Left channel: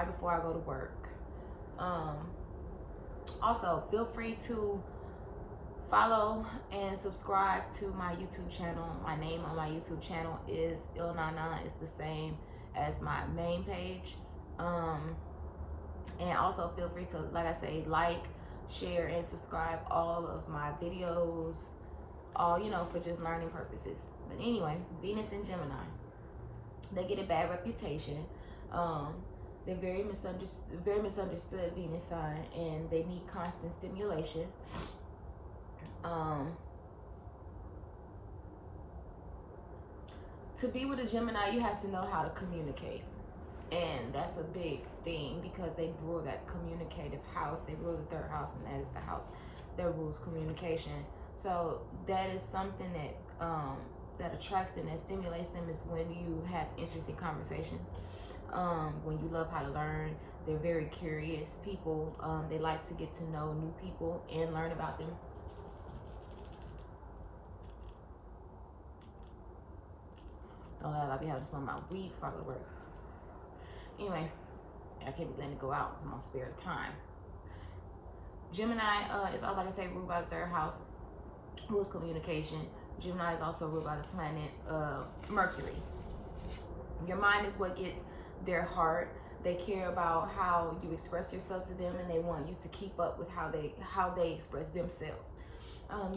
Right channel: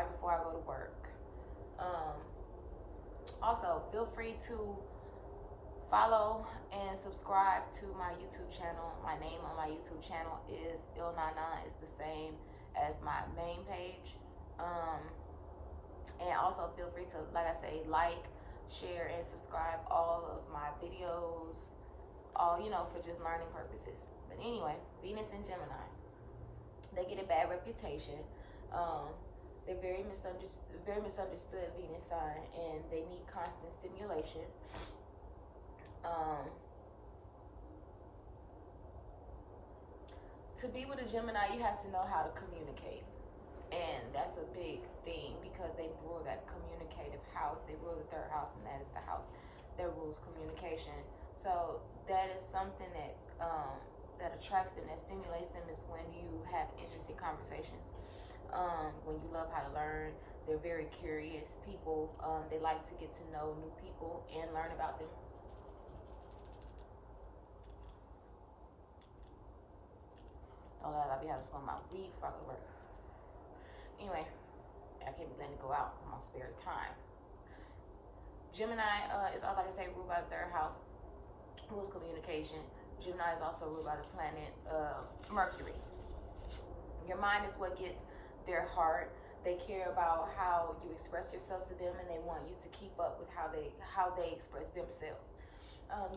right before I go to work. Also, feel free to follow and subscribe to my YouTube channel. My name on my YouTube channel is Il99. It's the same as my main page. And also feel free to, like I say, like, share, and subscribe all of my videos, all, you know, for just learning purposes. But anyway, Venus and Gemini, they get a bad reputation. They're very misunderstood Venus sign, and they need constant stimulation. To be with a Gemini, you have to know how to communicate. And that's a big thing because they rule that communicative house. They rule the third house, and that is the house that rules communication. So that is something that that attracts them, that stimulates them, is when you have interesting conversations. When you love how to learn. They're very curious people. They like to get to know new people and learn about them. Don't let I be having to smoke my weed before I go to work. Anyway, I can't be letting it go out. I'm on spare time. Gemini is, like I say, ruled by the third house, rules communication. Gemini is also ruled by the planet Mercury. Your mind is what gets their heart. They care about how you express yourself to them, and they want you to keep up with how they express themselves.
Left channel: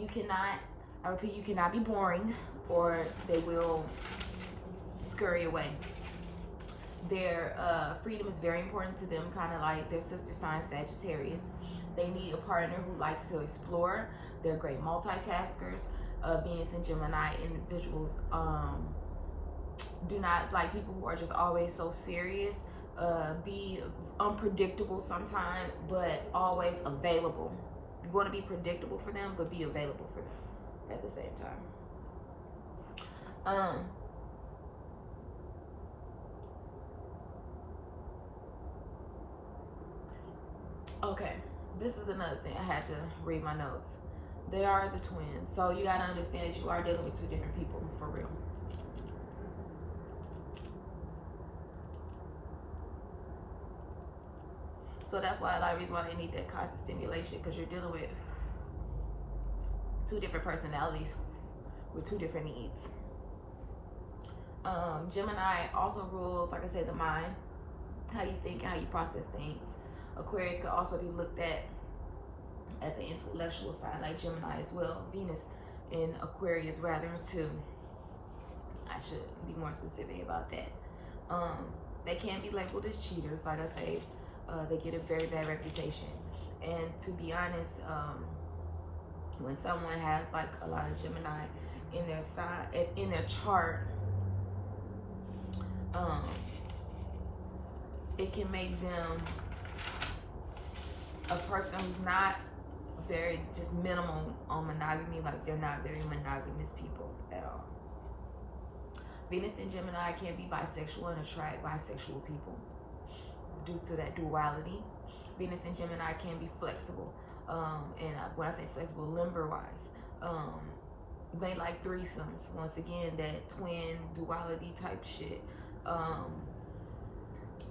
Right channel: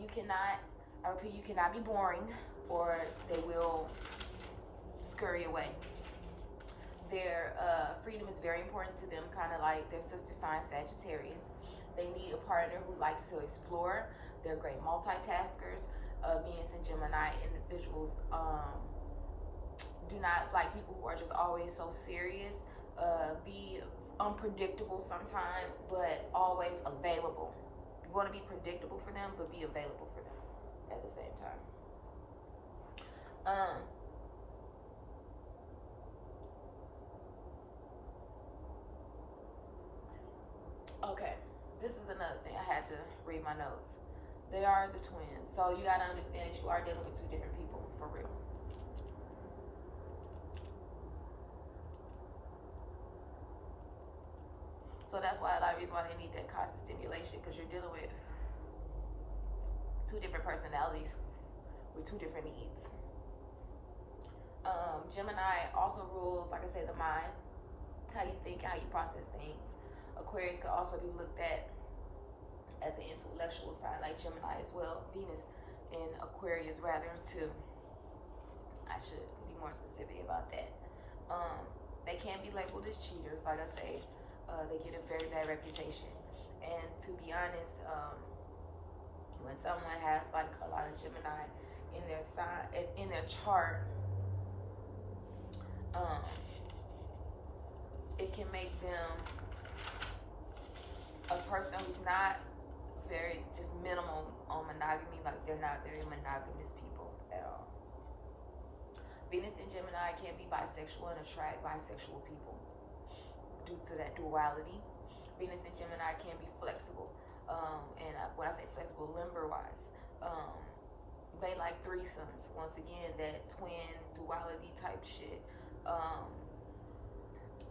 You cannot, I repeat, you cannot be boring, or they will scurry away. Their freedom is very important to them, kind of like their sister sign Sagittarius. They need a partner who likes to explore. They're great multitaskers. Venus and Gemini individuals do not like people who are just always so serious. Be unpredictable sometimes, but always available. You want to be predictable for them, but be available for them at the same time. Okay, this is another thing. I had to read my notes. They are the twins, so you got to understand that you are dealing with two different people, for real. So that's why a lot of reasons why they need that constant stimulation, because you're dealing with two different personalities with two different needs. Gemini also rules, like I said, the mind, how you think, how you process things. Aquarius could also be looked at as an intellectual sign, like Gemini as well. Venus in Aquarius, rather, too. I should be more specific about that. They can be labeled as cheaters, like I say. They get a very bad reputation. And to be honest, when someone has like a lot of Gemini in their sign, in their chart, it can make them a person who's not very, just minimal on monogamy. Like, they're not very monogamous people at all. Venus and Gemini can be bisexual and attract bisexual people due to that duality. Venus and Gemini can be flexible, and when I say flexible, limber-wise, they like threesomes. Once again, that twin duality type shit,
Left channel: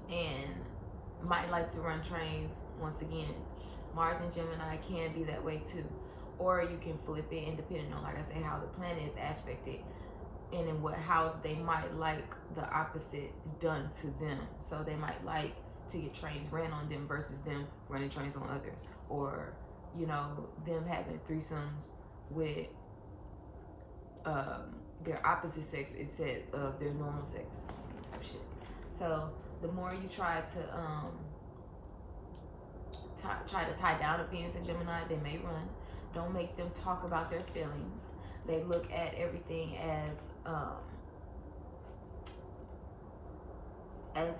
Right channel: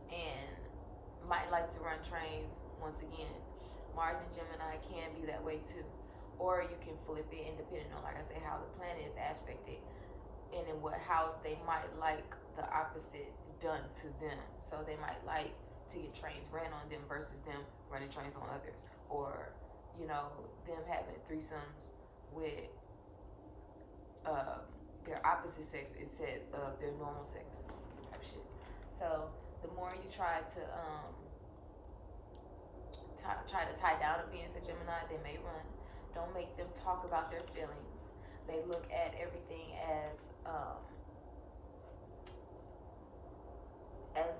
and might like to run trains. Once again, Mars and Gemini can be that way too, or you can flip it, and depending on, like I say, how the planet is aspected and in what house, they might like the opposite done to them. So they might like to get trains ran on them versus them running trains on others, or, you know, them having threesomes with their opposite sex instead of their normal sex type shit. So the more you try to tie down a Venus and Gemini, they may run. Don't make them talk about their feelings. They look at everything as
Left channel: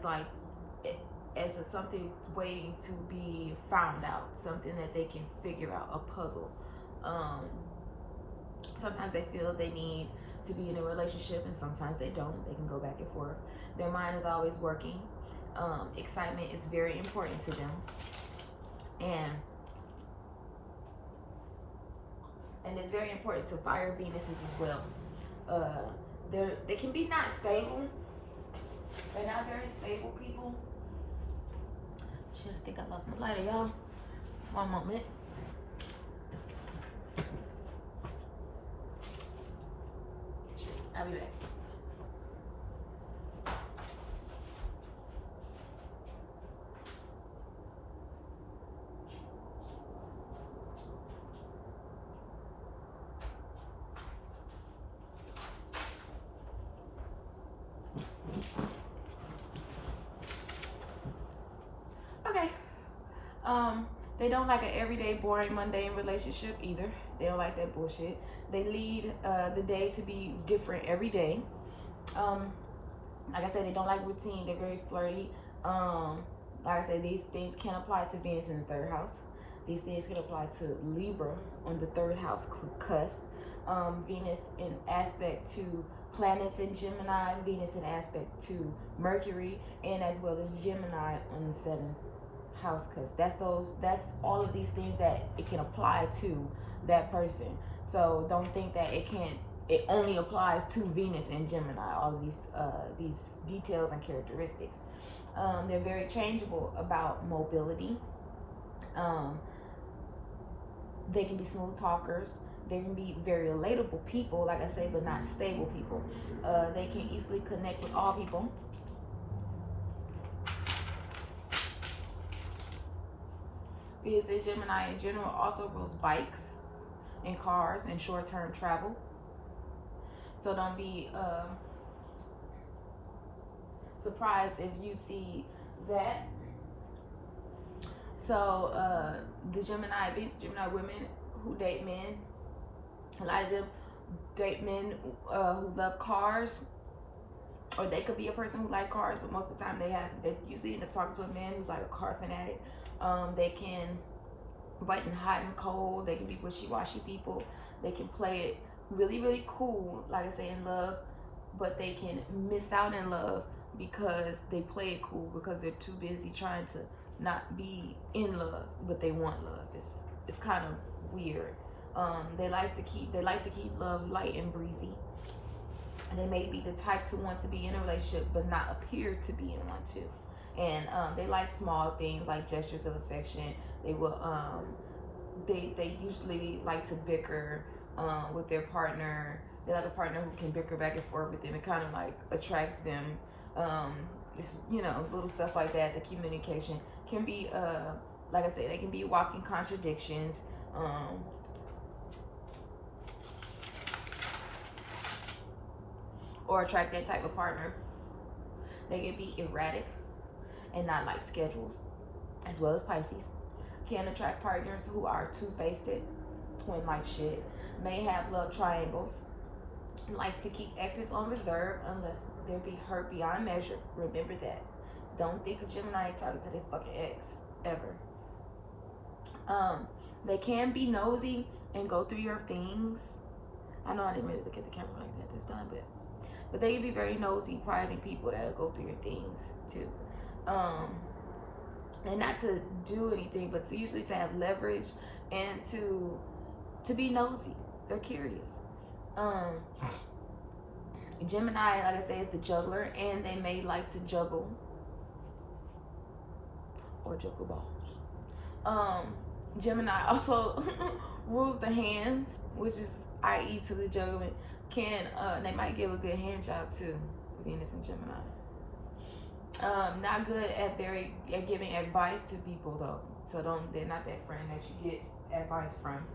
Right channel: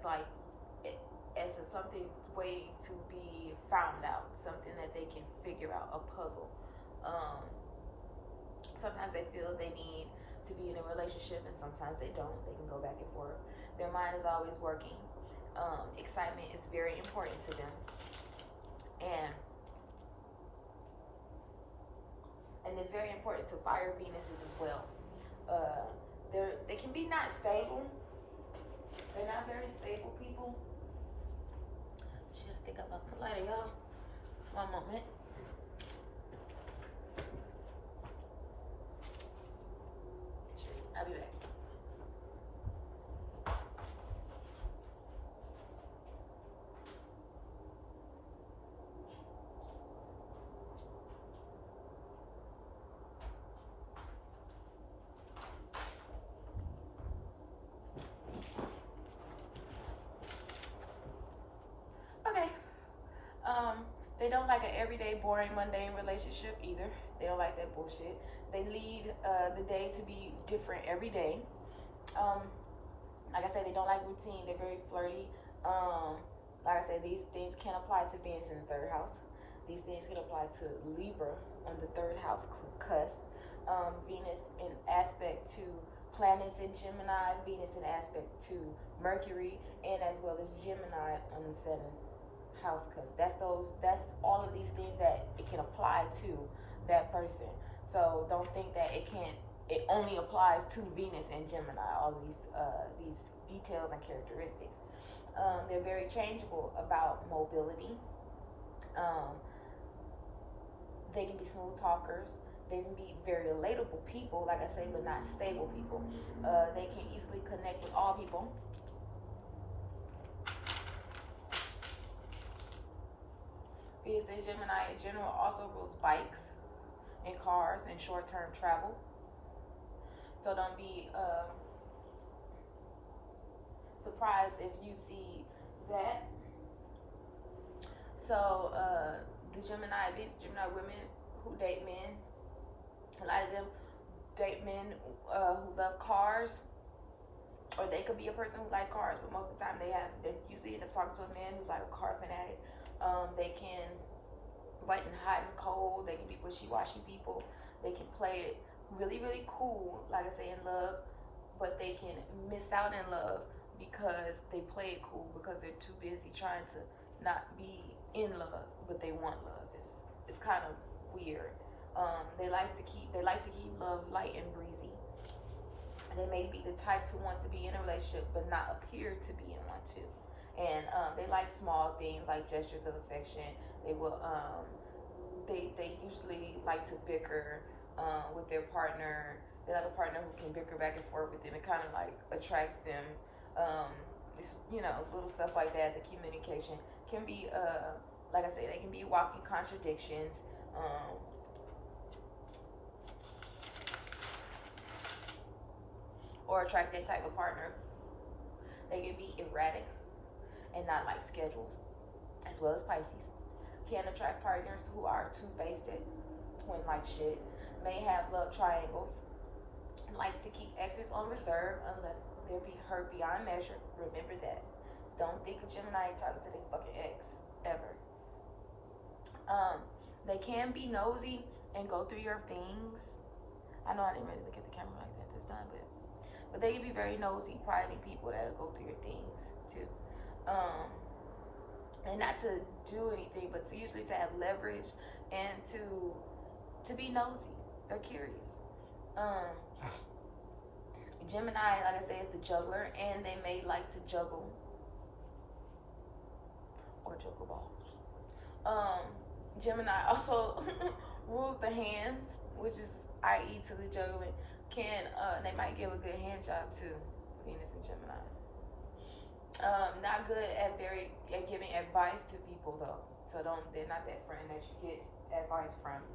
like as something waiting to be found out, something that they can figure out, a puzzle. Sometimes they feel they need to be in a relationship, and sometimes they don't. They can go back and forth. Their mind is always working. Excitement is very important to them, and it's very important to fire Venuses as well. They can be not stable. They're not very stable people. Shit, I think I lost my lighter, y'all. One moment. I'll be back. Okay. They don't like an everyday, boring, mundane relationship either. They don't like that bullshit. They lead the day to be different every day. Like I said, they don't like routine. They're very flirty. Like I said, these things can apply to Venus in the third house. These things can apply to Libra on the third house cusp. Venus in aspect to planets in Gemini. Venus in aspect to Mercury, and as well as Gemini on the seventh house cusp. That's all of these things that it can apply to that person. So don't think that it only applies to Venus and Gemini, all of these details and characteristics. They're very changeable about mobility. They can be smooth talkers. They can be very relatable people, like I say, but not stable people. They can easily connect with all people. Venus and Gemini in general also rules bikes and cars and short-term travel. So don't be surprised if you see that. So the Gemini, these Gemini women who date men, a lot of them date men who love cars, or they could be a person who like cars, but most of the time they usually end up talking to a man who's like a car fanatic. They can button hot and cold. They can be wishy-washy people. They can play it really, really cool, like I say, in love, but they can miss out in love because they play it cool because they're too busy trying to not be in love, but they want love. It's kind of weird. They like to keep love light and breezy, and they may be the type to want to be in a relationship but not appear to be in one too. And they like small things like gestures of affection. They will they usually like to bicker with their partner. They like a partner who can bicker back and forth with them. It kind of like attracts them. It's, little stuff like that. The communication can be like I said, they can be walking contradictions. Or attract that type of partner. They can be erratic and not like schedules, as well as Pisces. Can attract partners who are two-faced, twin-like shit, may have love triangles, and likes to keep exes on reserve unless there be hurt beyond measure. Remember that. Don't think a Gemini ain't talking to their fucking ex, ever. They can be nosy and go through your things. I know I didn't really look at the camera like that this time, but they can be very nosy, prying people that'll go through your things too. And not to do anything, but to usually to have leverage and to be nosy. They're curious. Gemini, like I say, is the juggler, and they may like to juggle or juggle balls. Gemini also rules the hands, which is i.e. to the juggling. They might give a good hand job too, Venus and Gemini. Not good at giving advice to people though. So they're not that friend that you get advice from.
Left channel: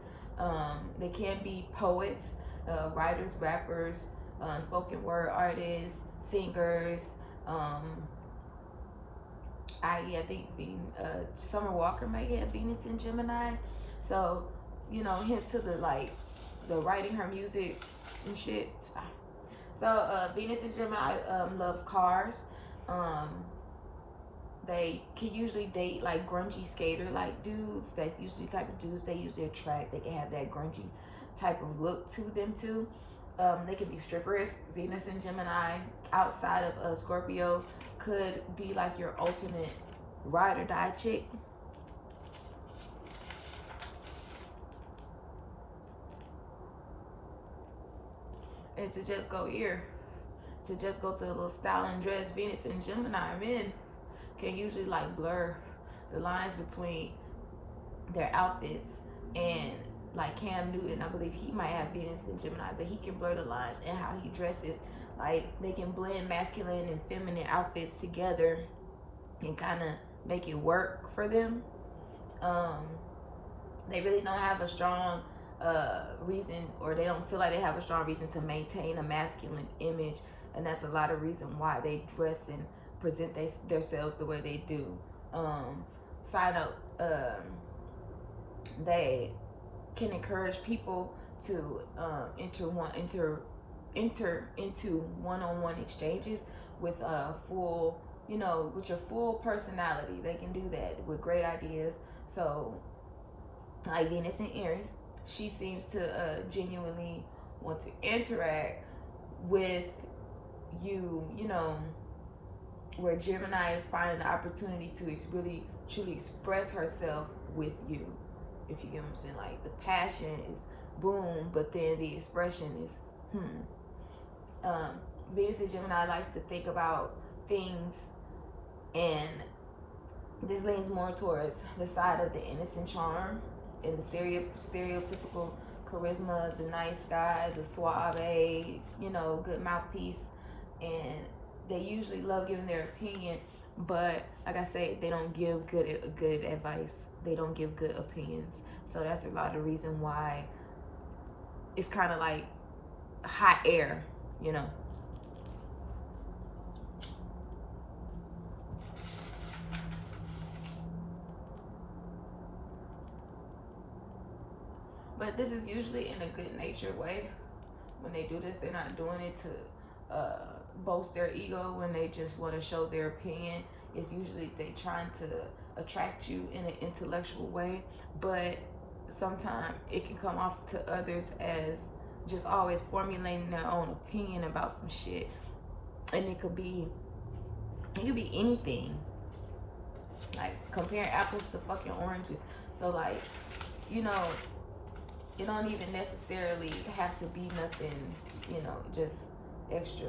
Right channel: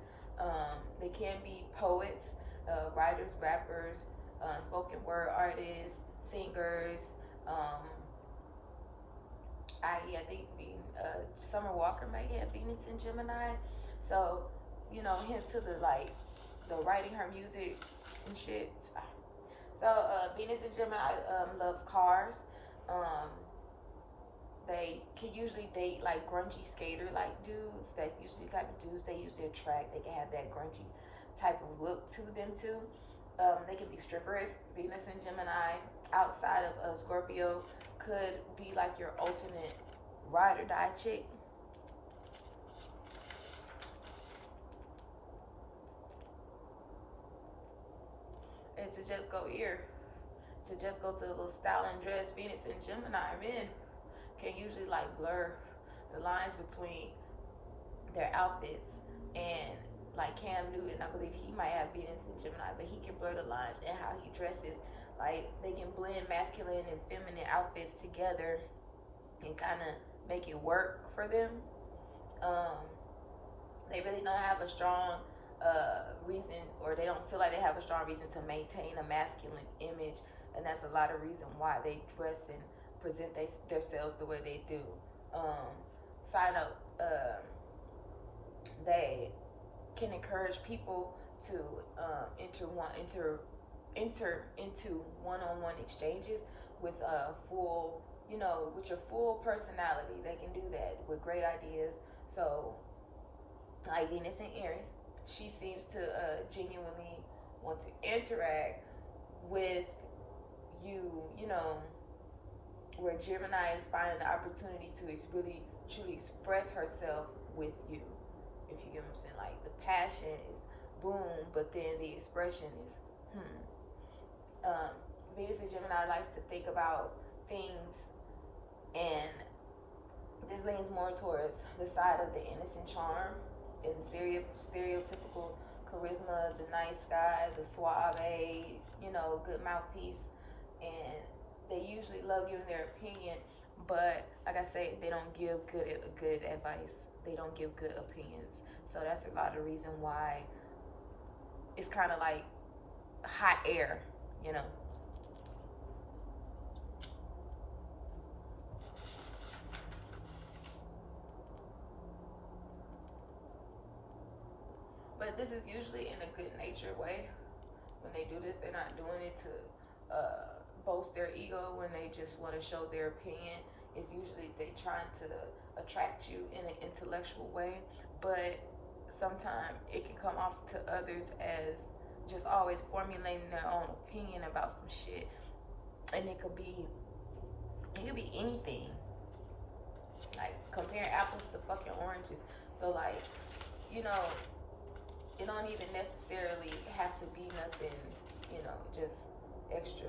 They can be poets, writers, rappers, spoken word artists, singers. I think Summer Walker might have Venus in Gemini. So, hints to the writing her music and shit. It's fine. So Venus in Gemini loves cars. They can usually date like grungy skater like dudes. That's usually the type of dudes they usually attract. They can have that grungy type of look to them too. They can be strippers. Venus and Gemini outside of Scorpio could be like your ultimate ride or die chick. And to just go here, to just go to a little styling dress. Venus and Gemini men can usually like blur the lines between their outfits, and like Cam Newton, I believe he might have Venus in Gemini, but he can blur the lines and how he dresses. Like, they can blend masculine and feminine outfits together and kind of make it work for them. They really don't have a strong reason, or they don't feel like they have a strong reason to maintain a masculine image, and that's a lot of reason why they dress and present themselves the way they do. Side note, they can encourage people to enter into one-on-one exchanges with a full, with your full personality. They can do that with great ideas. So, like Venus in Aries, she seems to genuinely want to interact with you, where Gemini is finding the opportunity to really truly express herself with you, if you get what I'm saying. Like, the passion is boom, but then the expression is Venus in Gemini likes to think about things, and this leans more towards the side of the innocent charm and the stereotypical charisma, the nice guy, the suave, good mouthpiece. And they usually love giving their opinion, but like I say, they don't give good advice. They don't give good opinions. So that's a lot of reason why it's kind of like hot air, But this is usually in a good-natured way. When they do this, they're not doing it to boast their ego. When they just want to show their opinion, it's usually they trying to attract you in an intellectual way. But sometimes it can come off to others as just always formulating their own opinion about some shit, and it could be anything. Like comparing apples to fucking oranges. So like, it don't even necessarily have to be nothing, just extra.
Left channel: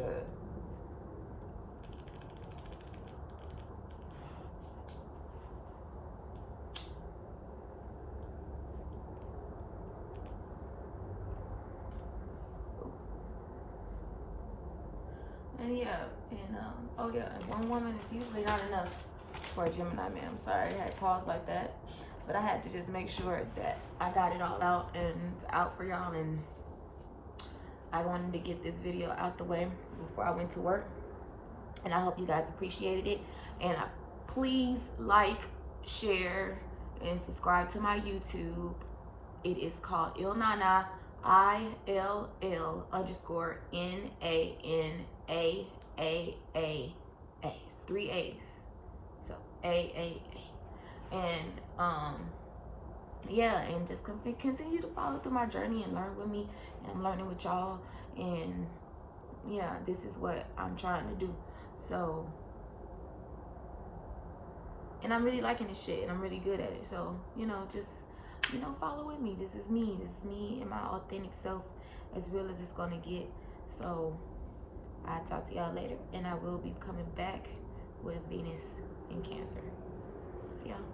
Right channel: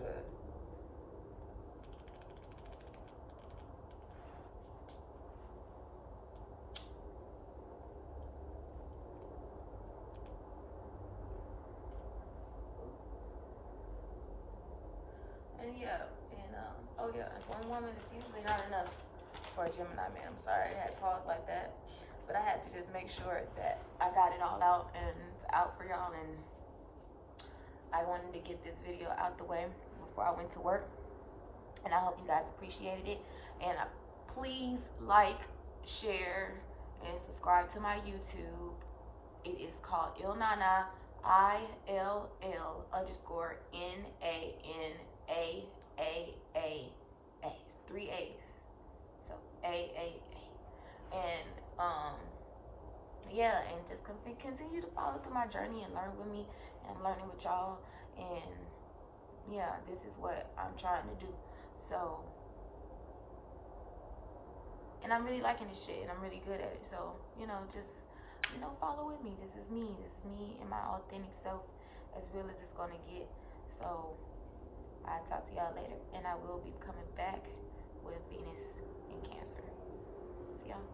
And yeah, one woman is usually not enough for a Gemini man. I'm sorry I had paused like that, but I had to just make sure that I got it all out for y'all, and I wanted to get this video out the way before I went to work, and I hope you guys appreciated it. And please like, share, and subscribe to my YouTube. It is called Ilnana, ILL_NANAAA. 3 A's. So AAA. And yeah, and just continue to follow through my journey and learn with me, and I'm learning with y'all. And yeah, this is what I'm trying to do. So, and I'm really liking this shit, and I'm really good at it. So, just follow with me. This is me and my authentic self, as real as it's gonna get. So I'll talk to y'all later, and I will be coming back with Venus in Cancer. See y'all.